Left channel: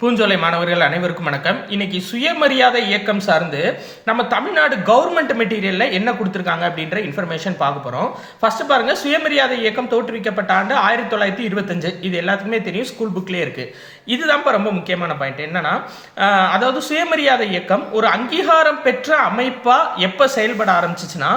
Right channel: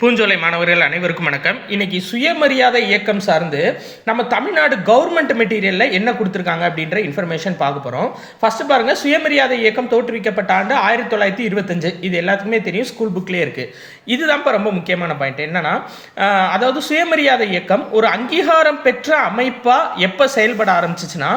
பூஞ்சோலை மாணவர்கள் அனைவருக்கும் வணக்கம். இன்னைக்கு சுயமரியாதை இயக்கம் சார்ந்து நம்ம தமிழ்நாடு கவர்மெண்ட் மெட்டீரியல்ல என்ன கொடுத்துருக்காங்க அப்படின்ற இன்ஃபர்மேஷன் பார்க்க போறோம். ஃபர்ஸ்ட் பாருங்க, சுயமரியாதை இயக்கம் தோற்றுவிக்கப்பட்ட ஆண்டு 1925. இது எல்லாத்துக்குமே தெரியும், ஸ்கூல் புக்லேயே இருக்கு. இதுதான் ரொம்ப முக்கியமான பாயிண்ட். என்னன்னா, அதாவது சுயமரியாதை இயக்கம் ஒரு அங்கீகாரம் பெற்ற அமைப்பா எப்ப செயல்பட ஆரம்பிச்சுச்சுன்னா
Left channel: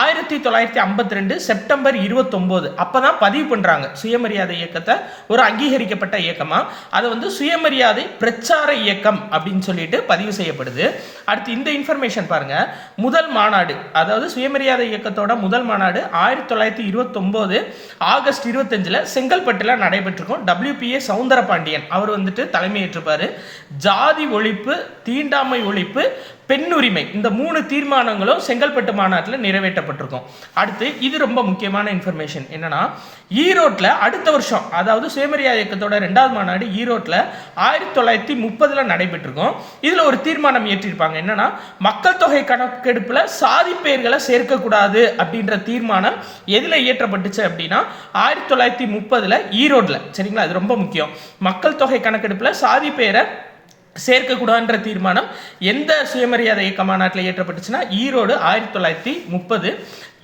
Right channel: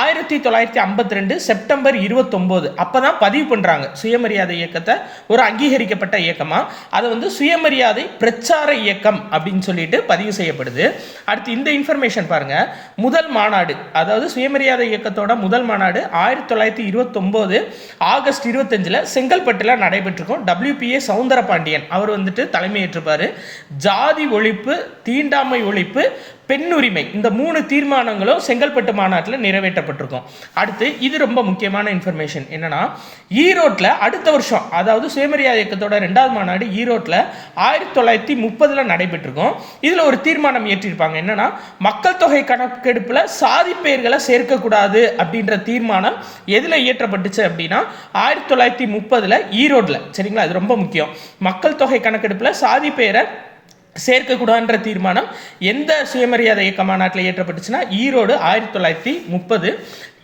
1952 செப்டம்பர் 29 அப்பதான் பதிவு பண்றாங்க சுயமரியாதை இயக்கத்தை ஒரு அங்கீகரிக்கப்பட்ட இயக்கமா. அதை சுயமரியாதை பிரச்சார இயக்கம் அப்படின்னு சொல்லிட்டு பதிவு செய்யப்படுது. அடுத்து இந்த இன்ஃபர்மேஷன் பாருங்க, முதல் மாநாடு, அதாவது சுயமரியாதை இயக்கத்தோட முதல் மாநாடு 1929 ஆகஸ்ட் 25 செங்கல்பட்டுல நடைபெற்றிருக்கும். WPA சவுந்தரபாண்டியன் அவர் தலைமையேற்றிருப்பாரு. ஜாதி ஒழிப்பு, தீண்டாமை ஒழிப்பு, பெண்ணுரிமை, இந்த 3 தீர்மானங்களும் செங்கல்பட்டு மாநாட்டில் நிறைவேற்றப்பட்டிருக்கும். அடுத்து இது ரொம்ப முக்கியமான இன்ஃபர்மேஷன் என்னன்னா, ஈரோட்டில் அடுத்த வருஷம், அதாவது சுயமரியாதை இயக்கத்தோட 2வது மாநாடு ஈரோட்டில் 1930 நடைபெற்றிருக்கும். இதுல ஒரு தீர்மானம் ஏற்றிருப்பாங்க. என்னன்னா, மக்கள் தொகை கணக்கெடுப்புல சாதி பெயர்களை சேர்க்கக்கூடாது அப்படின்ற தீர்மானம் எதுல இயற்றப்பட்டுச்சு அப்படின்னா 1930 ஈரோட்ல. சரிங்களா, இது ரொம்ப முக்கியம். மக்கள் தொகை கணக்கெடுப்புல சாதி பெயரை சேர்க்கக்கூடாதுன்ற தீர்மானம் எந்த சுயமரியாதை இயக்க மாநாட்டில் ஏற்றப்பட்டுச்சுன்னா ஈரோடு 1930.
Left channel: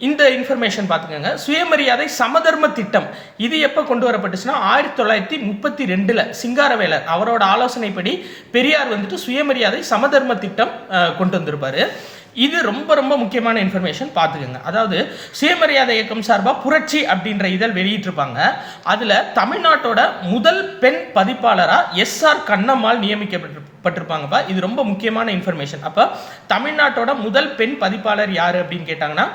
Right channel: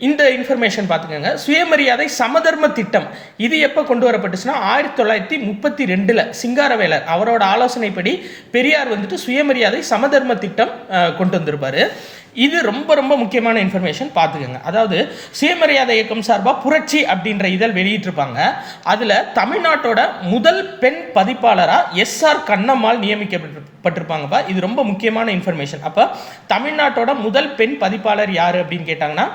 இந்த இன்ஃபர்மேஷன் பார்த்துக்கோங்க. சுயமரியாதை சமதர்ம திட்டம் இது எப்போ கொண்டு வரப்பட்டுச்சுன்னா 1932 சிங்காரவேலர் அவரோட ஆலோசனைப்படி பெரியார் சுயமரியாதை சமதர்ம திட்டம் கொண்டு வந்திருப்பாரு. இது ரொம்ப ரொம்ப முக்கியமான இன்ஃபர்மேஷன் பார்த்துக்கோங்க. அதாவது சுயமரியாதை இயக்கம் சார்பாக புரட்சி அப்படின்ற இதழ் வெளியிட்டிருப்பாங்க. அதில் தமிழ்நாட்டோட முதல் பெண் பதிப்பாளராக SR கண்ணம்மாள் நியமிக்கப்பட்டிருப்பாங்கப்பா. இது ரொம்ப முக்கியமான இன்ஃபர்மேஷன். அப்போ தமிழ்நாட்டோட முதல் பெண் பதிப்பாளர் யார் அப்படின்னு கேட்டாங்கன்னா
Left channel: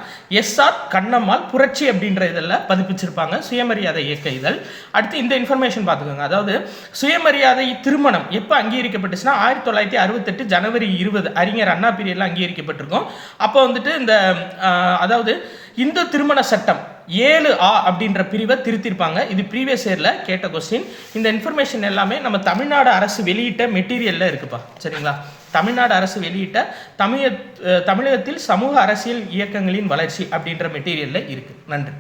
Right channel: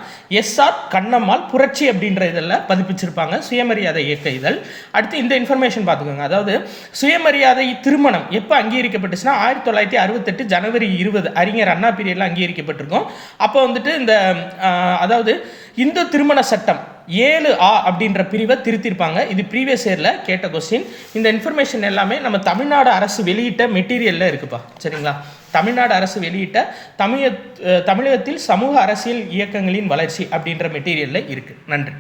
SR கண்ணம்மாள் புரட்சி அப்படின்ற இதழில் பதிப்பிச்சிருப்பாங்க, சுயமரியாதை இயக்க இதழ். அடுத்து இந்த இன்ஃபர்மேஷன் பார்த்துக்கோங்க. அதாவது சுயமரியாதை திருமணம் எப்போ அங்கீகரிக்கப்பட்டுச்சுன்னா 1968 ஜனவரி 20 அறிஞர் அண்ணா பீரியட்ல அங்கீகரிக்கப்பட்டிருக்கும். அப்போ இந்த அதாவது இந்து திருமண சட்டம் 7A அப்படின்ற பிரிவை திருத்திருப்பாங்க. இது ப்ரீவியஸ் இயர்ல கேட்ட கொஸ்டின். இந்த இன்ஃபர்மேஷன் எல்லாமே நம்ம தமிழ்நாடு அரசு வெளியிட்ட மெட்டீரியல்ல இருக்குப்பா. சரிங்களா, தமிழ்நாடு அரசு வெளியிட்ட தமிழகத்தில் சமூக அரசியல் இயக்கங்களின் வளர்ச்சி அப்படின்ற மெட்டீரியல்ல இருக்கு. நன்றி.